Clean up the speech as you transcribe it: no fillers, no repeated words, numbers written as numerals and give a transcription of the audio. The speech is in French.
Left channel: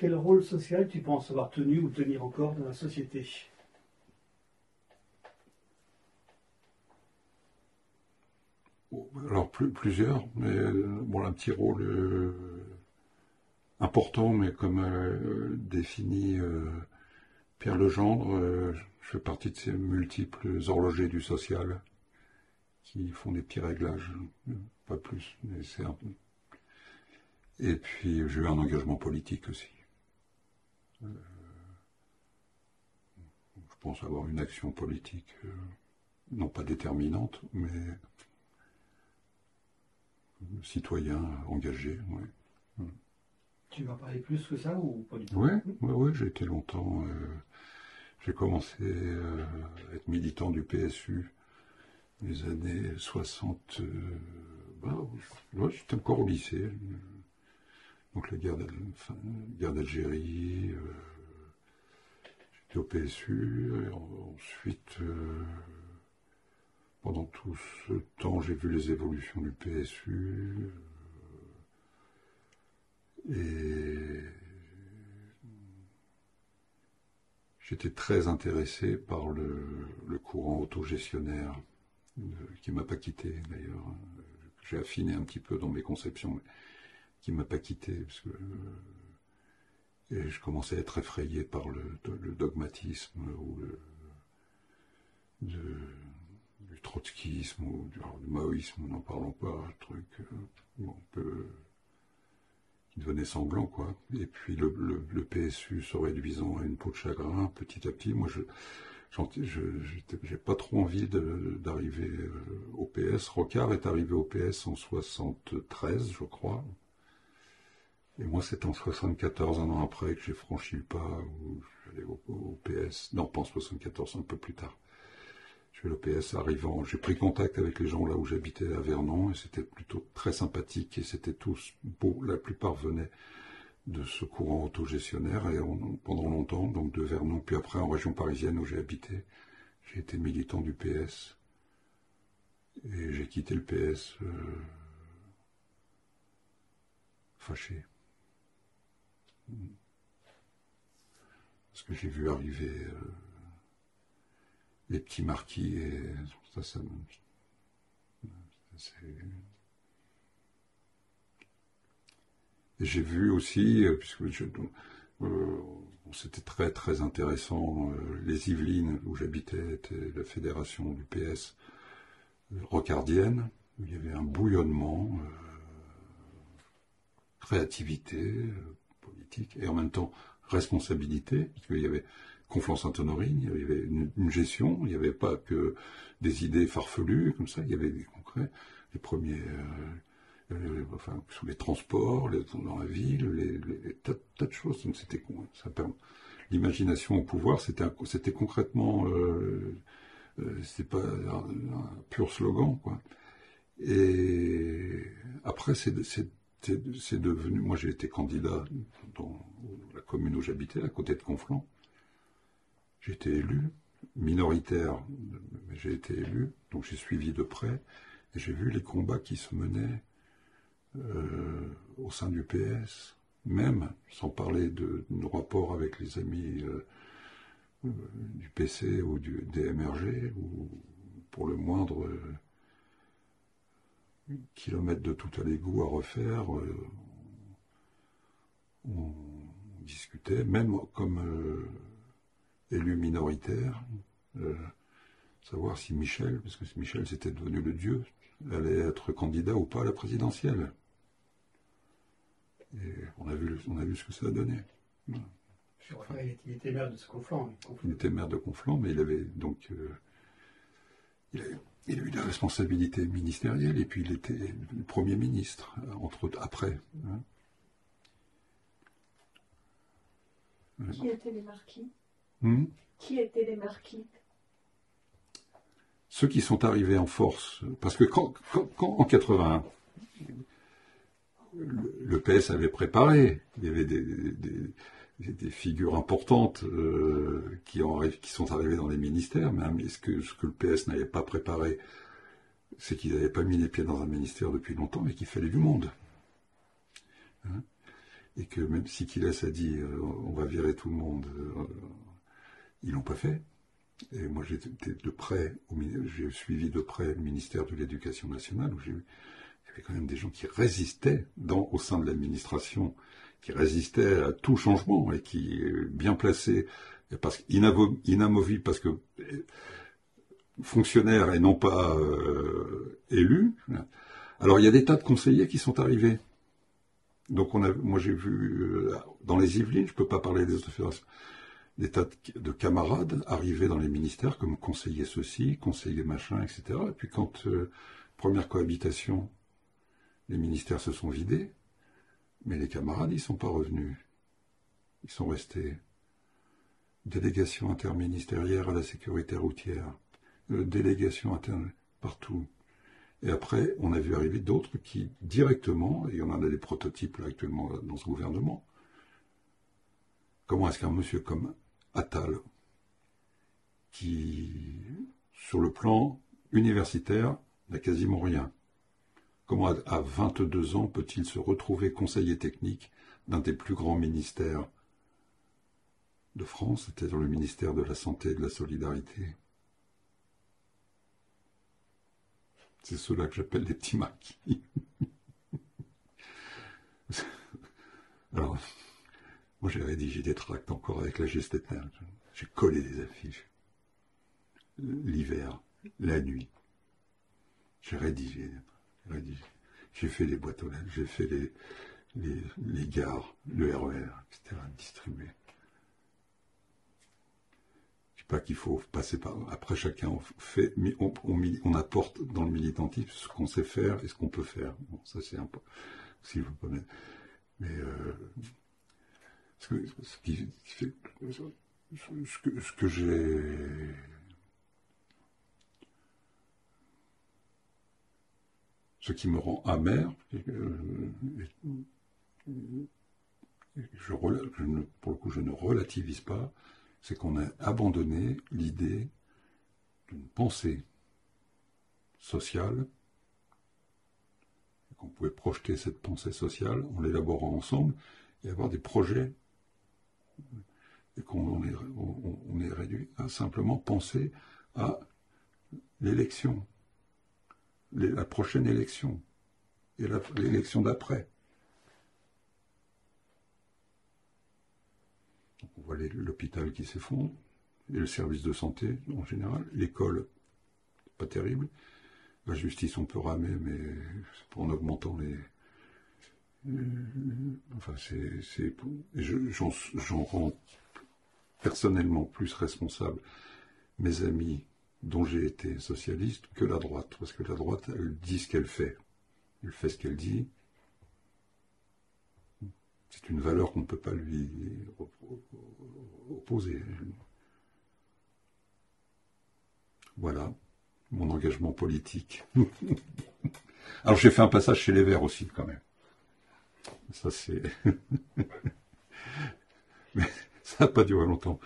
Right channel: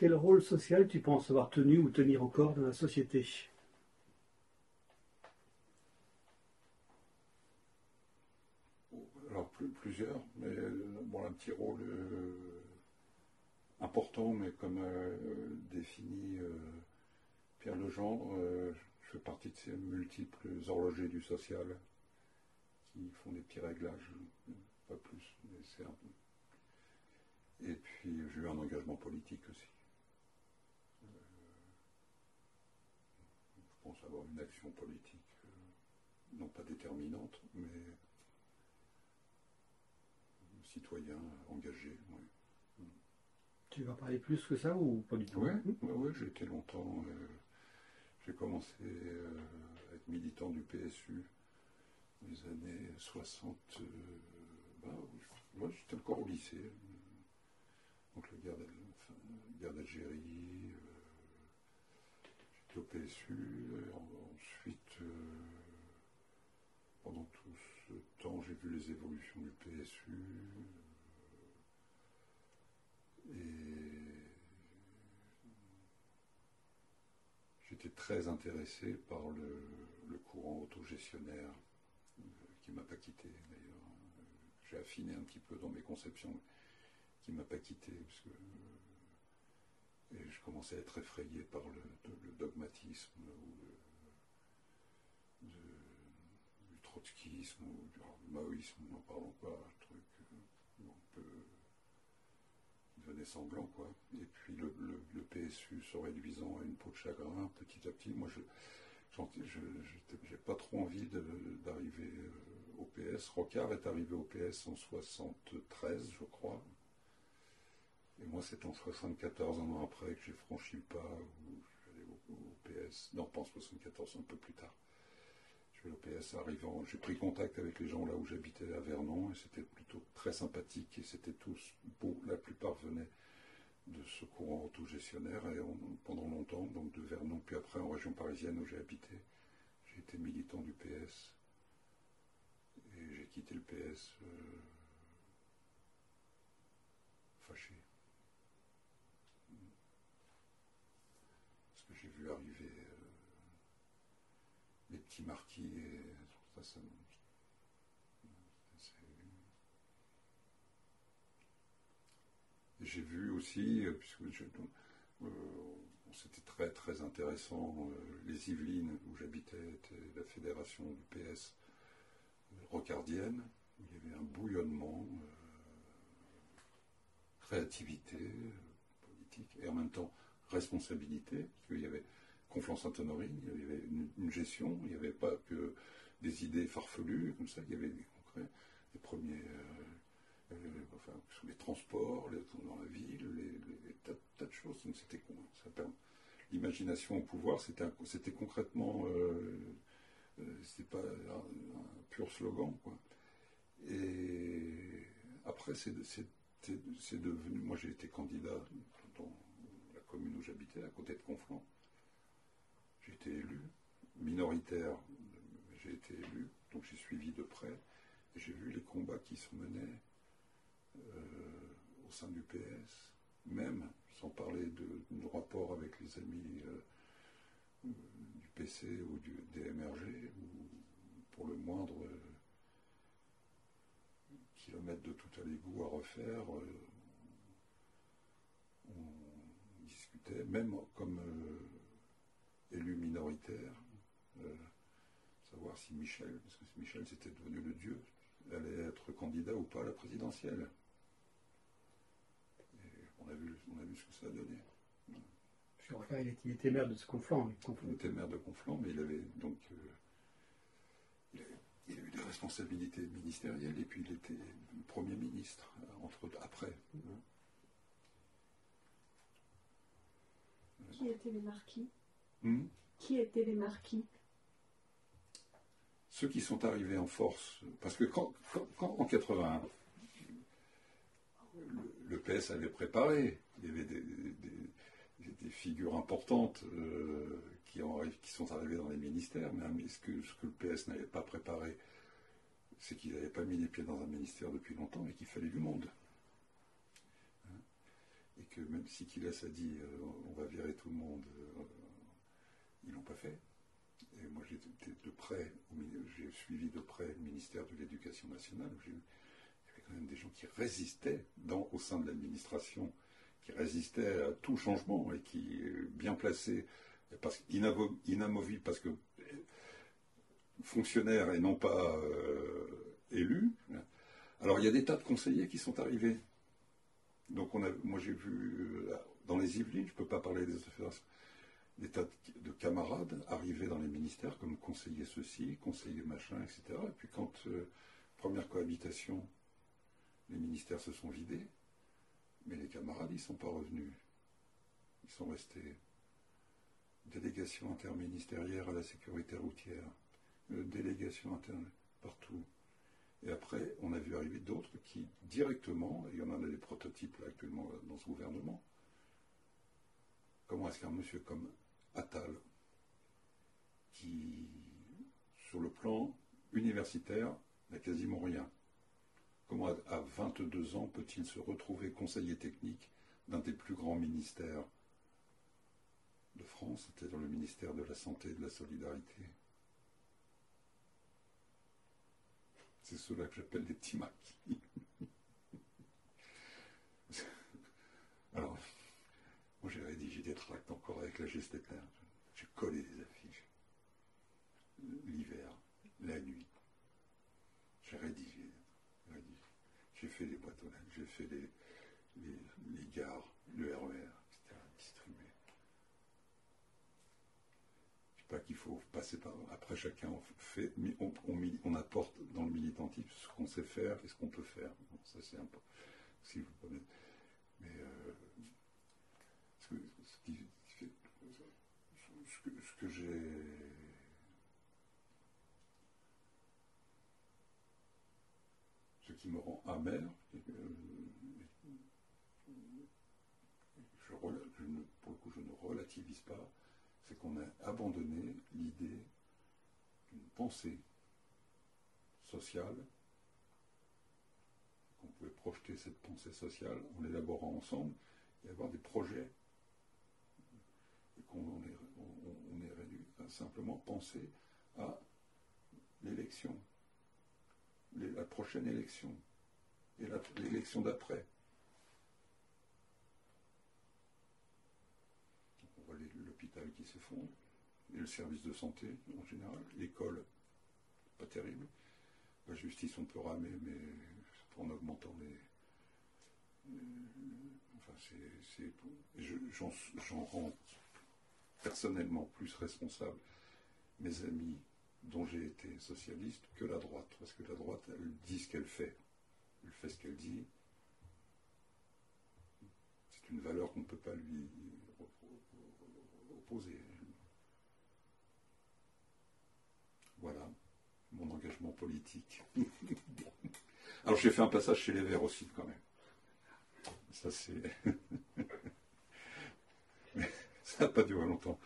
Quel rôle social tu penses avoir tenu ou tenir encore dans la société? Alors plusieurs, mais bon, un petit rôle important, mais comme défini Pierre Legendre, je fais partie de ces multiples horlogers du social qui font des petits réglages, pas plus, mais c'est un peu. Et puis j'ai eu un engagement politique aussi. Je pense avoir une action politique, non pas déterminante, mais citoyen engagé. Ouais. Tu vas parler plus que ça ou pas du tout? Oui, j'ai été longtemps. J'ai commencé à être militant du PSU les années 60. J'étais encore au lycée. Donc la guerre d'Algérie, j'étais au PSU. Ensuite, pendant tout ce temps, j'ai vu les évolutions du PSU. Et j'étais très intéressé par le courant autogestionnaire, qui ne m'a pas quitté d'ailleurs. J'ai affiné un petit peu dans mes conceptions, mais qui ne m'a pas quitté, parce que et je commençais à être effrayé par le dogmatisme du trotskisme ou du maoïsme, n'en parlons pas, un truc un peu qui devenait sanglant, quoi. Et puis le PSU se réduisant à une peau de chagrin, petit à petit, moi j'ai pas trop envie d'arriver au PS. Rocard est arrivé au PS en 73, je crois. Et moi, c'est en 74, un an après, que j'ai franchi le pas où je suis allé au PS. Non, pas en 74, un peu plus tard. Je suis allé au PS arrivant. J'ai pris contact avec les gens là où j'habitais à Vernon et c'était plutôt très sympathique et c'était tous beaux. La plupart venaient de ce courant autogestionnaire et pendant longtemps, donc de Vernon, puis après en région parisienne où j'ai habité, j'ai été militant du PS. Et j'ai quitté le PS fâché. Parce que j'ai vu arriver les petits marquis et ça et j'ai vu aussi, c'était très très intéressant, les Yvelines où j'habitais était la fédération du PS rocardienne, où il y avait un bouillonnement, créativité politique et en même temps responsabilité, parce qu'il y avait Conflans-Sainte-Honorine, il y avait une gestion, il n'y avait pas que des idées farfelues comme ça, il y avait des concrets, les premiers, sur les transports, dans la ville, les tas de choses. Donc c'était l'imagination au pouvoir, c'était concrètement, c'était pas un pur slogan, quoi. Et après, c'est devenu. Moi, j'ai été candidat dans la commune où j'habitais, à côté de Conflans. J'ai été élu, minoritaire, mais j'ai été élu, donc j'ai suivi de près, et j'ai vu les combats qui se menaient au sein du PS, même sans parler de nos rapports avec les amis du PC ou des MRG, ou pour le moindre kilomètre de tout à l'égout à refaire, on discutait, même comme élu minoritaire, savoir si Michel, parce que Michel c'était devenu le dieu, allait être candidat ou pas à la présidentielle. Et on a vu ce que ça a donné. Enfin, il était maire de Conflans. Il était maire de Conflans, mais il avait donc il a eu des responsabilités ministérielles et puis il était le Premier ministre, entre autres, après. Hein. Qui étaient les marquis Qui étaient les marquis? Ceux qui sont arrivés en force, parce que quand en 81, le PS avait préparé, il y avait des figures importantes qui sont arrivées dans les ministères, mais ce que le PS n'avait pas préparé, c'est qu'ils n'avaient pas mis les pieds dans un ministère depuis longtemps et qu'il fallait du monde. Hein. et que même si Quilles a dit on va virer tout le monde, ils l'ont pas fait. Et moi j'étais de près, j'ai suivi de près le ministère de l'Éducation nationale, où il y avait quand même des gens qui résistaient au sein de l'administration, qui résistaient à tout changement et qui bien placés, parce inamovibles, parce que fonctionnaires et non pas élus. Alors il y a des tas de conseillers qui sont arrivés. Donc moi j'ai vu dans les Yvelines, je ne peux pas parler des autres fédérations, des tas de camarades arriver dans les ministères comme conseiller ceci, conseiller machin, etc. Et puis quand première cohabitation, les ministères se sont vidés, mais les camarades, ils ne sont pas revenus. Ils sont restés. Délégation interministérielle à la sécurité routière, délégation interne partout. Et après, on a vu arriver d'autres qui, directement, et on en a des prototypes là, actuellement dans ce gouvernement, comment est-ce qu'un monsieur comme Attal, qui, sur le plan universitaire, n'a quasiment rien, comment à 22 ans peut-il se retrouver conseiller technique d'un des plus grands ministères de France, c'est-à-dire le ministère de la Santé et de la Solidarité? C'est ceux-là que j'appelle les petits maquis. Alors, moi j'ai rédigé des tracts encore avec la gestétaire. J'ai collé des affiches. L'hiver, la nuit. J'ai rédigé. J'ai fait les boîtes aux lettres, j'ai fait les gares, le RER, etc. distribué. Pas qu'il faut passer par... Après, chacun fait, on apporte dans le militantisme ce qu'on sait faire et ce qu'on peut faire. Bon, ça, c'est un peu... Si je veux pas mettre... Mais... ce que j'ai... Ce qui me rend amer, pour le coup, je ne relativise pas, c'est qu'on a abandonné l'idée d'une pensée sociale, qu'on pouvait projeter cette pensée sociale en l'élaborant ensemble et avoir des projets, et qu'on est réduit à simplement penser à l'élection, la prochaine élection et l'élection d'après. On voit l'hôpital qui s'effondre, et le service de santé en général, l'école, pas terrible, la justice on peut ramer, mais en augmentant enfin j'en rends personnellement plus responsable mes amis dont j'ai été socialiste que la droite, parce que la droite, elle dit ce qu'elle fait ce qu'elle dit. C'est une valeur qu'on ne peut pas lui opposer. Voilà, mon engagement politique. Alors j'ai fait un passage chez les Verts aussi, quand même. Ça c'est... Mais ça n'a pas duré longtemps.